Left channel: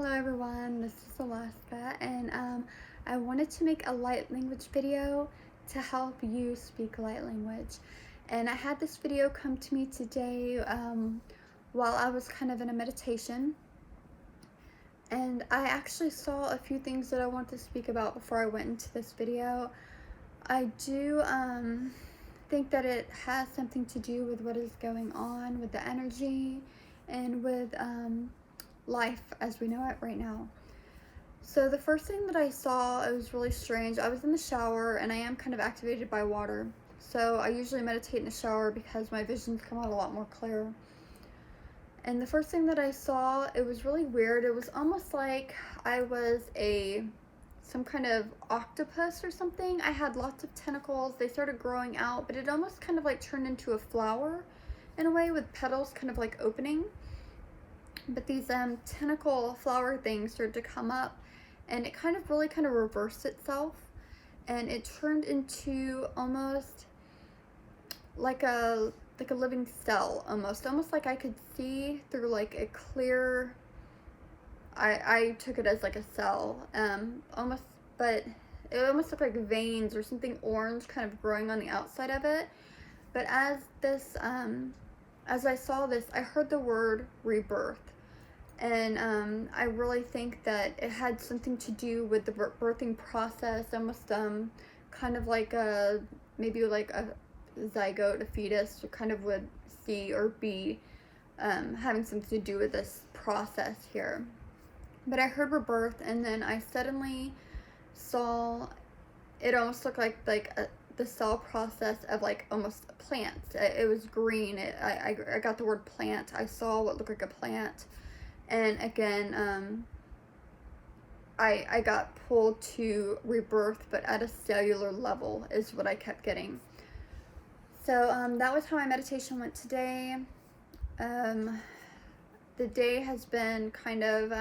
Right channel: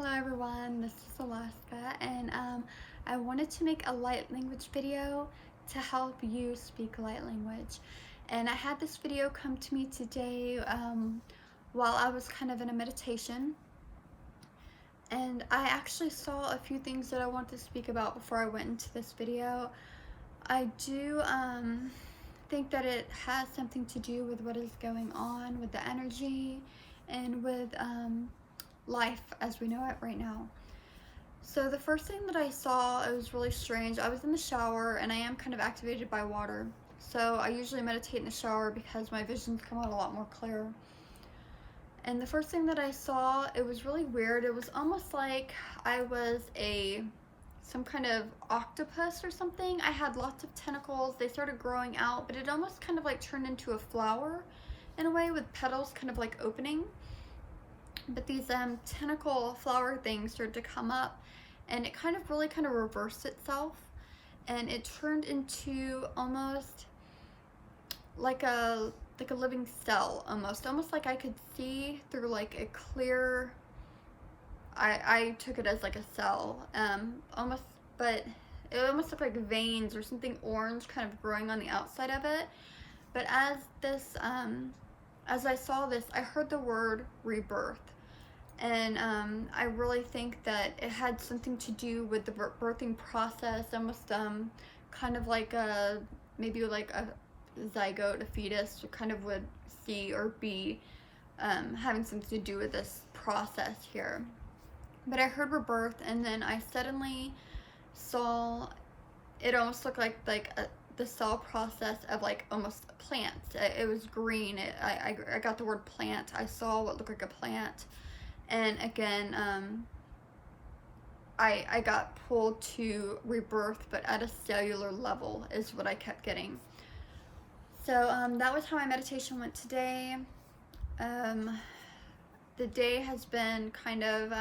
Hello everyone, this is Alaska, and I wanted to make a light language video to help you speak light language. And I had this video come to me today while I was kind of in a meditation, and I actually saw a few things that I want to speak about before I went into this video. I do think that it has something to do with what is going on with the energy and with life as we know it right now. So the first thing that I saw, it was really strange. I was in the shower and I am kind of activated by water. So I usually meditate in the shower because my visions come out a lot more clear. And the first thing that I saw, it was really weird. It was almost like I was some kind of octopus or something. I had lots of tentacles. They started growing out, but it almost kind of like turned into a flower in a way, with petals kind of like opening. But these tentacle flower things started to come up, and it kind of reversed itself, and it turned into almost like a living cell, almost like I could see through like a clear, I took it as like a cell, almost, but it almost looked like veins or something orange kind of growing on the outside of it. But as I saw this, I heard the word rebirth. And I really think that it had something to do with the birthing process, almost kind of like maybe like a zygote, a fetus, kind of would see or be having something to do with this process here. But I heard rebirth, and then I suddenly saw it almost looked like the cell process of like almost plants. It was green. I got the word plant. I saw what looked like a plant. And again, I got pulled to rebirth, but at a cellular level is what I kept getting. So that was how my meditation went today. The day has been kind of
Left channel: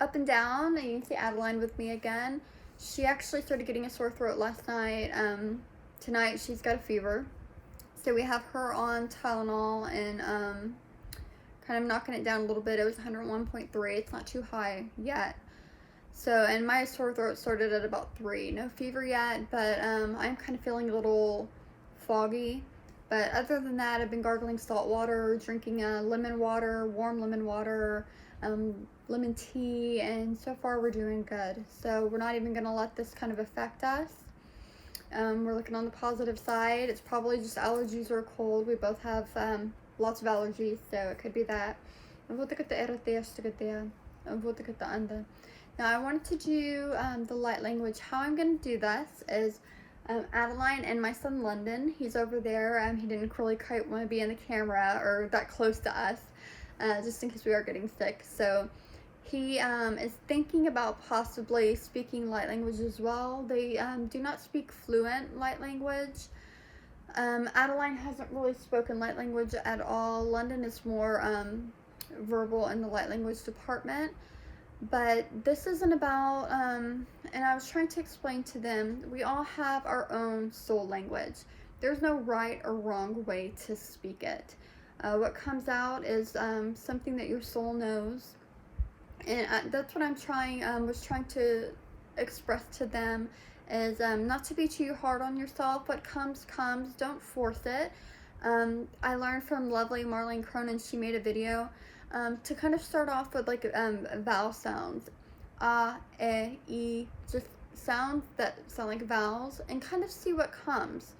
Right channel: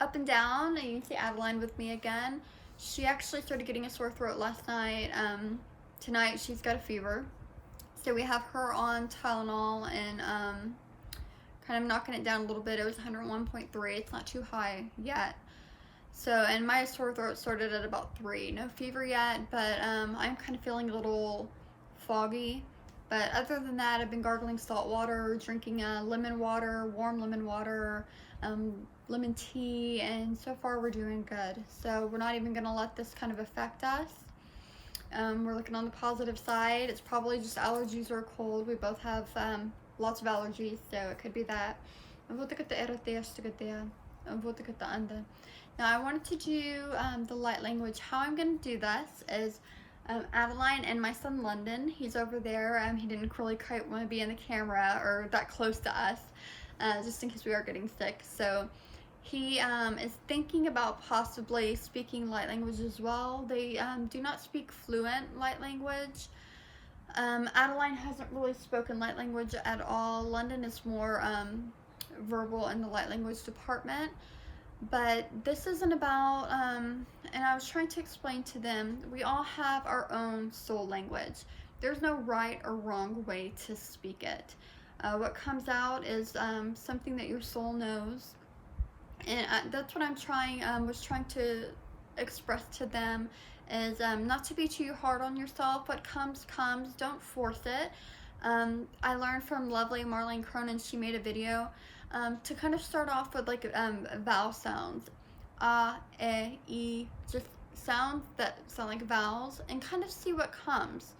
up and down. You can see Adeline with me again. She actually started getting a sore throat last night. Tonight she's got a fever. So we have her on Tylenol and kind of knocking it down a little bit. It was 101.3. It's not too high yet. So, and my sore throat started at about 3. No fever yet, but I'm kind of feeling a little foggy. But other than that, I've been gargling salt water, drinking lemon water, warm lemon water, lemon tea, and so far we're doing good. So we're not even going to let this kind of affect us. We're looking on the positive side. It's probably just allergies or a cold. We both have lots of allergies, so it could be that. Now I wanted to do the light language. How I'm going to do this is Adeline and my son London, he's over there. He didn't really quite want to be in the camera or that close to us, just in case we are getting sick. So he is thinking about possibly speaking light language as well. They do not speak fluent light language. Adeline hasn't really spoken light language at all. London is more verbal in the light language department. But this isn't about, and I was trying to explain to them, we all have our own soul language. There's no right or wrong way to speak it. What comes out is something that your soul knows. And that's what I'm was trying to express to them, is not to be too hard on yourself. What comes, don't force it. I learned from lovely Marlene Cronin. She made a video to kind of start off with like vowel sounds, e, just sounds that sound like vowels, and kind of see what comes.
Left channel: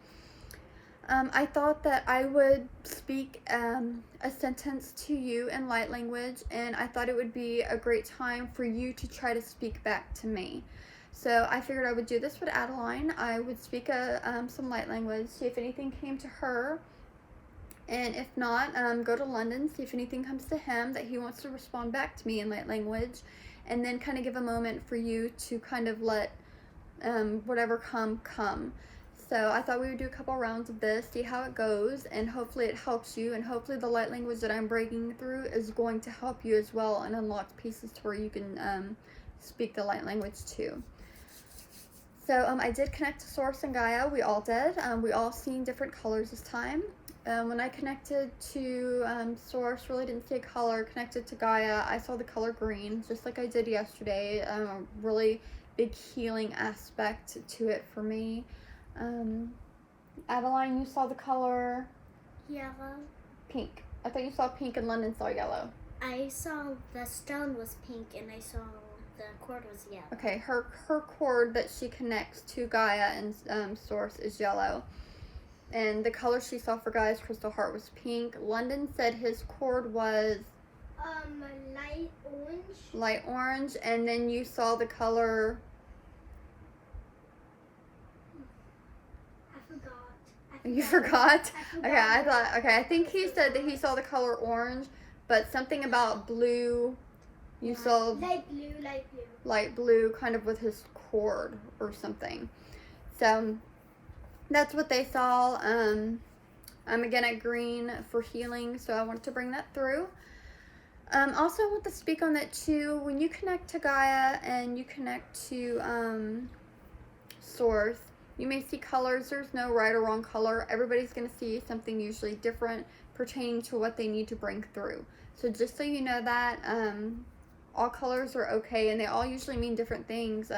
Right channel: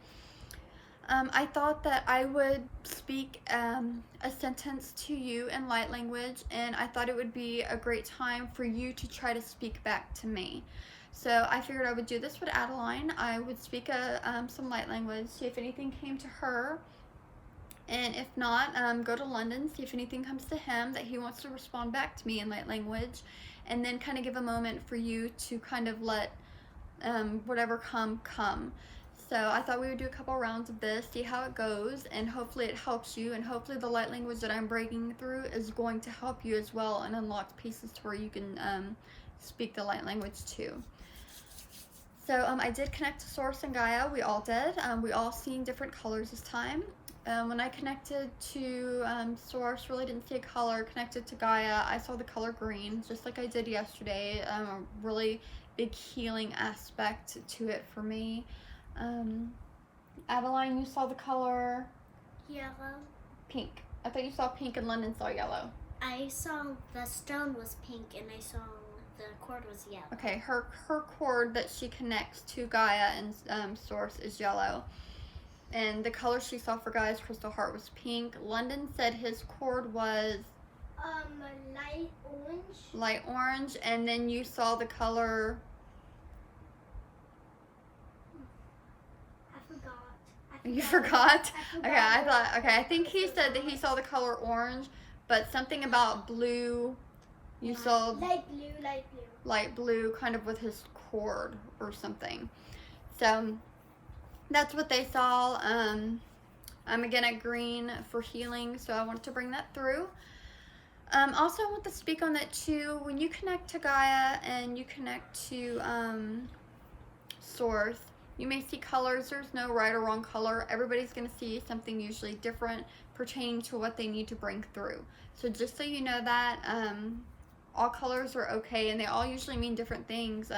I thought that I would speak a sentence to you in light language, and I thought it would be a great time for you to try to speak back to me. So I figured I would do this with Adeline. I would speak some light language, see if anything came to her, and if not, go to London, see if anything comes to him that he wants to respond back to me in light language, and then kind of give a moment for you to kind of let whatever come. So I thought we would do a couple rounds of this, see how it goes, and hopefully it helps you, and hopefully the light language that I'm breaking through is going to help you as well and unlock pieces to where you can speak the light language too. So I did connect to Source and Gaia. We all did. We all seen different colors this time. When I connected to Source, really didn't see a color. Connected to Gaia, I saw the color green, just like I did yesterday. A really big healing aspect to it for me. Adeline, you saw the color? Yellow. Pink. I thought you saw pink and London saw yellow. I saw the stone was pink and I saw the cord was yellow. Okay, her cord that she connects to Gaia and Source is yellow. And the color she saw for Gaia's crystal heart was pink. London said his cord was light orange. Light orange, and then you saw the color. I forgot. You forgot? I forgot. Okay, I think he said that he saw the color orange, but something about blue. You saw light blue. Light blue, kind of with his cord or something. So that's what they saw. I'm again at green for healing, so I wanted to bring that through. Also, I want to speak on that too. When you connect to Gaia and you connect to Source, you may see colors. There's no right or wrong color. Everybody's going to see something usually different pertaining to what they need to bring through. So just so you know that, all colors are okay, and they all usually mean different things,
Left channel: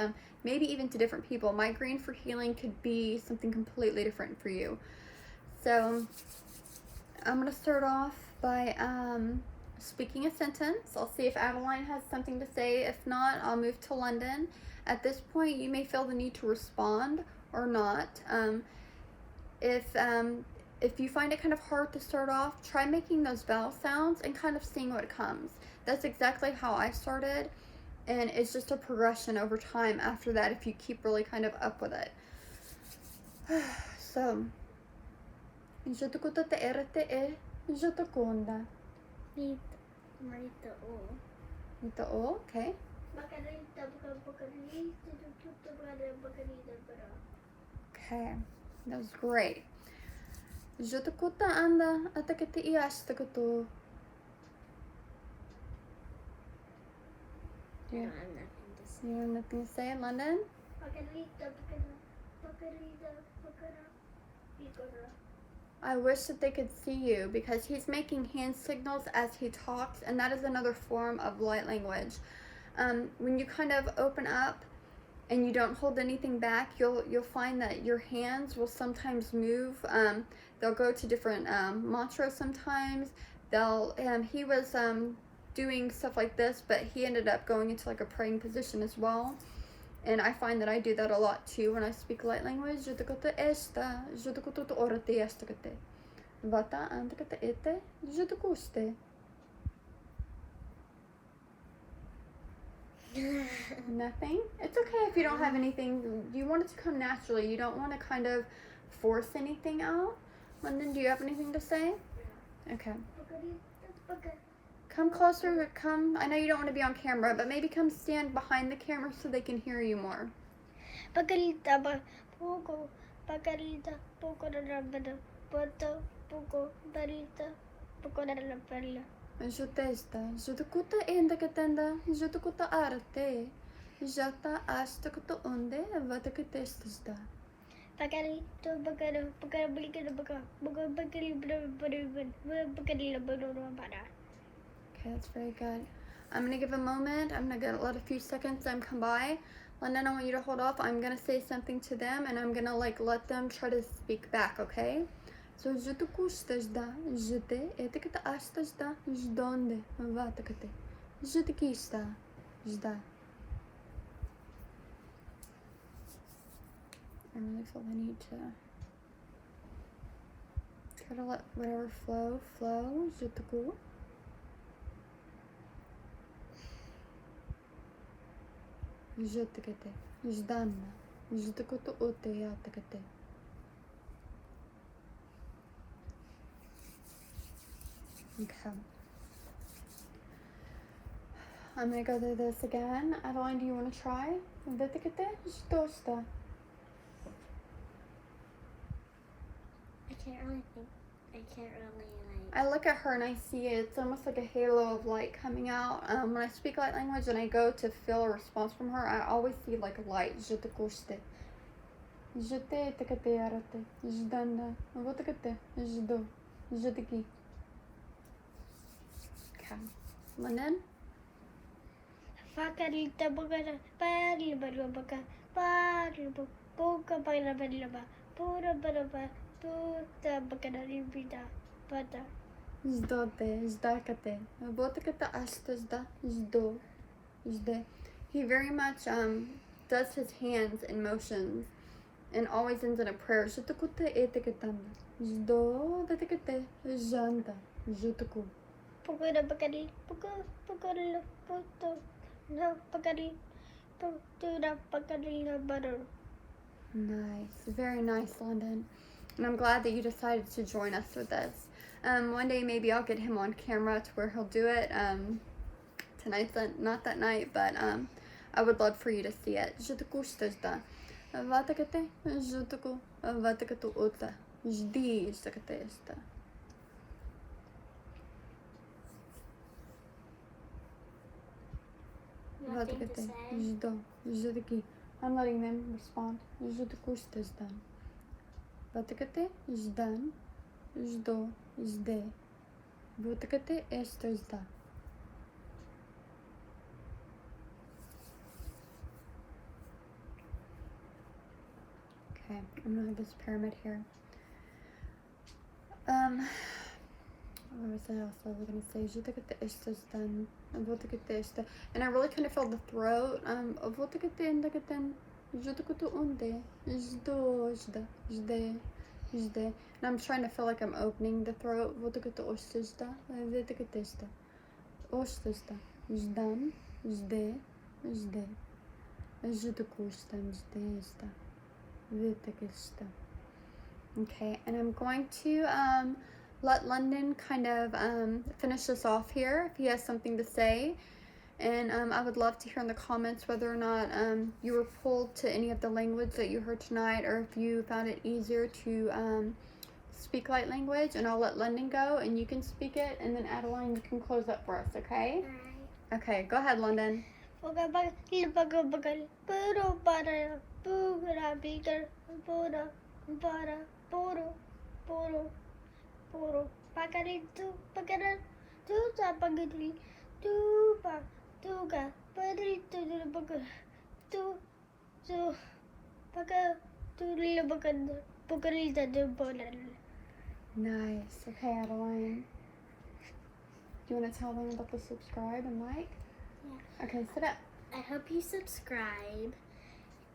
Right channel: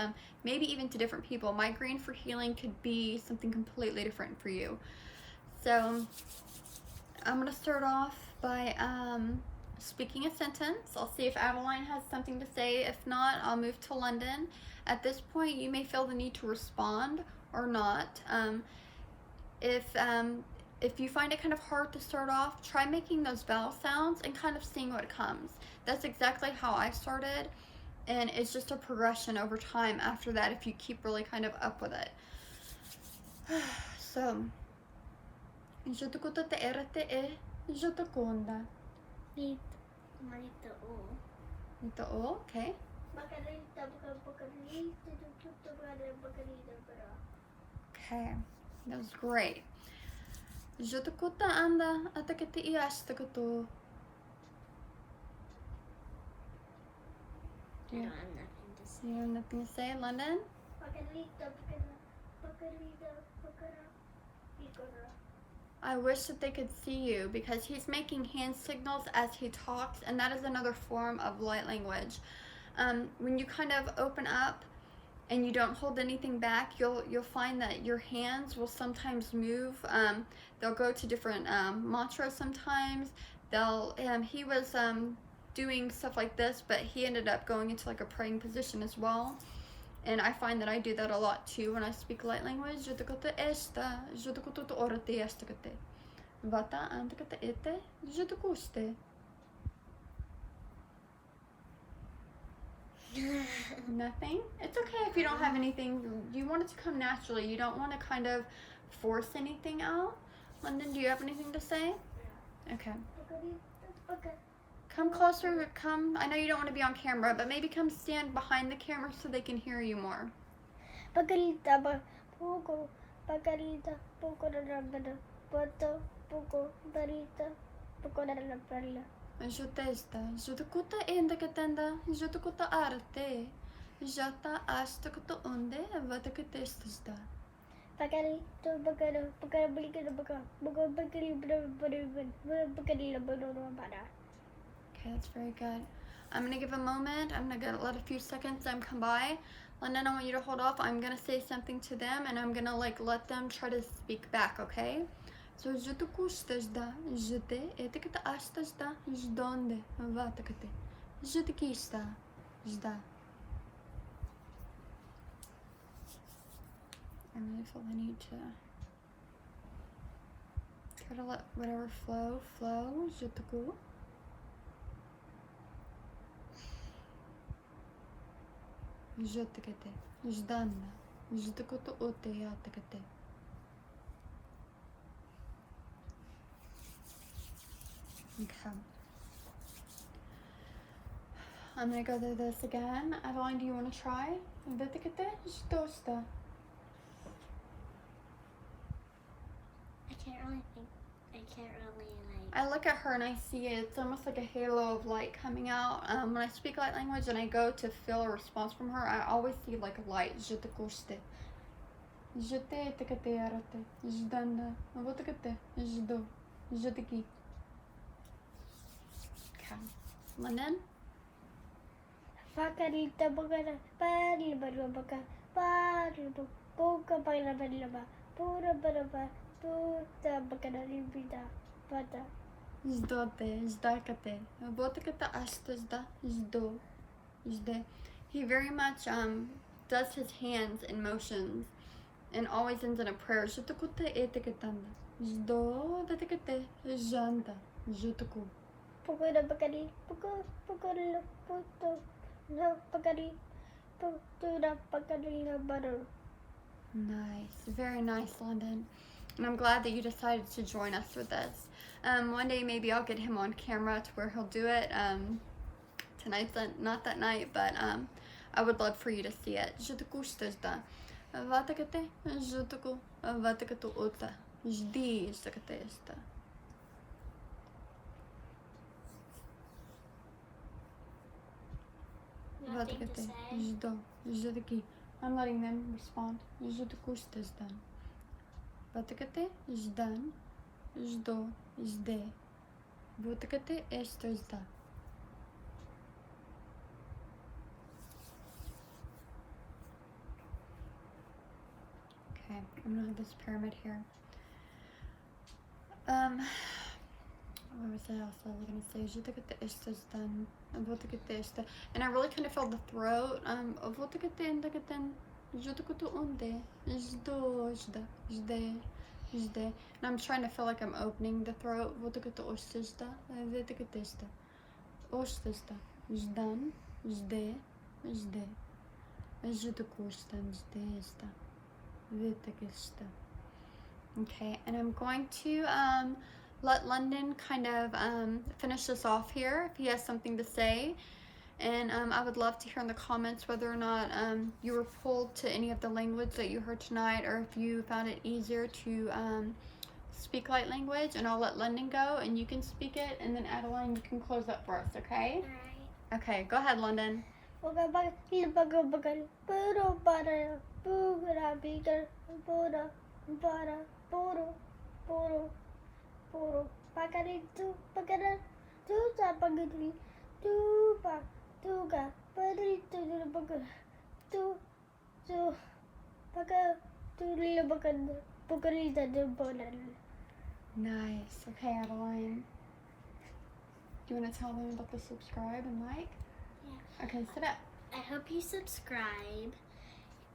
maybe even to different people. My green for healing could be something completely different for you. So I'm going to start off by speaking a sentence. I'll see if Adeline has something to say. If not, I'll move to London. At this point, you may feel the need to respond or not. If you find it kind of hard to start off, try making those vowel sounds and kind of seeing what comes. That's exactly how I started, and it's just a progression over time after that if you keep really kind of up with it. So, Jotokuta te erete e Jotokonda. Marita o. Ito o, okay. Okay, that was great. Jotokuta anda atakete I ashtakuto. I don't have nothing to say. You have nothing to say, London? I wish that they could see you because he's making hand signals as he talks, and that is another form of light language. When you kind of open up and you don't hold anything back, you'll find that your hands will sometimes move. They'll go to different mantras sometimes. He was doing stuff like this, but he ended up going into like a praying position as well. And I find that I do that a lot too when I speak light language. Jotokuta esta, jotokuta orate estakate. Vata antakate ete, jotokuste. Nothing? It's okay if you don't have anything. You want it to come naturally. You don't want to kind of force anything out. London, do you have anything to say? Okay. Come closer, come. I know you don't want to be on camera, but maybe come stand behind the camera so they can hear you more. Pagarita ba pogo pagarita pogo rabada pata pogo barita pogo rabala. Jotesta, jotokuta endakatenda, jotokuta arte. Jata astakuta onde, vatakatestada. Pagarito bagara pagarabulika baga bagabagari bagari. Okay, that's very good. I'm going to give a moment. I'm going to let a few seconds come by. London, I want you to hold off. I'm going to say something to them, and I'm going to let them try to speak back, okay? So, Jotokustajda, jete, etikata ashtajda, jdonde, vatakate. Jotikista, jda. I'm going to feel the need to try to let whatever flow, jotoku. Jotakate, jdanna, jotakuto ote yatakate. Okay. I'm gonna go through this again. Adeline, do you want to try? Jotakate, jdosta. I can't really I look at her and I see it. It's almost like a halo of light coming out. When I speak light language and I go to feel a response from her, I always see like a light. Jotakuste. Жете такате ярате. Жданда. Вот такате. Ждо. Ждики. Okay. London? Fakarita bugara, parlibarubaga, parlibu, boka bailabella, pura baraba, puta bagaribida, bada. Ждоте. Ждакате. Вот таката ашта жда. Ждо. Жде. He very much does his hands in motions and always ends in a prayer. Жутукуте етекатанда. Ждо датекате. Жанда. Жутуку. Pugara bagari, pugara, puto, no bagari, putura bagari, butter. Nice. Very nice, London. And I'm glad that you decided to join us with this. One day maybe I'll get him on camera to where he'll do it. Tonight's not that night, but I would love for you to see it. Жутуку штажда. Ватакате. Жутуку. Ватакату ута. Жди штакате шта. Nothing to Ватакате. say. Ждо. Ждики. I'm letting them respond. Жутуку штажда. Ватакате. Ждан. Ждо. Жде. Ватакате штажда. Okay, I'm gonna have this pyramid here. What was I also gonna say? Je look at the ishtas done. Look at the ishta. And I really kind of felt the throat. Look at the indagaten. Je look at the unde. Jdo, jda, jde, jde. And I'm trying to feel like I'm opening the throat. Look at the ostista. Look at the ishta. Ostista. Jdan, jde, jde. Jdukustan, jde, jda. Okay, and I'm going to let London kind of finish this off here if he has something to say. And I would love to hear in the comments whether or not you were pulled to any of the language that you heard tonight, or if you found it easier to speak light language. And I'll let London go and you can speak it, and then Adeline, you can close up for us, okay? Alright. Okay, go ahead, London. Baga bagal, puro para, pura bigger, pura, para, puro, puro, puro. Pagarito, pagara, tuta pagari, tupa, tuga, parito de baga, tu, paga, tu little bagan, pagarita de bonal. Nice. Okay, Adeline. Do you want to tell them about the subscribe and like? Yeah. Okay, sit up. I hope you subscribe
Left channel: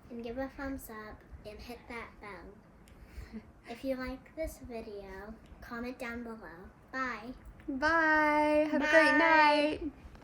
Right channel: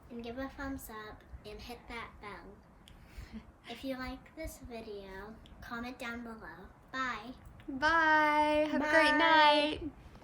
and give a thumbs up and hit that bell. If you like this video, comment down below. Bye. Bye. Have a great Bye. night.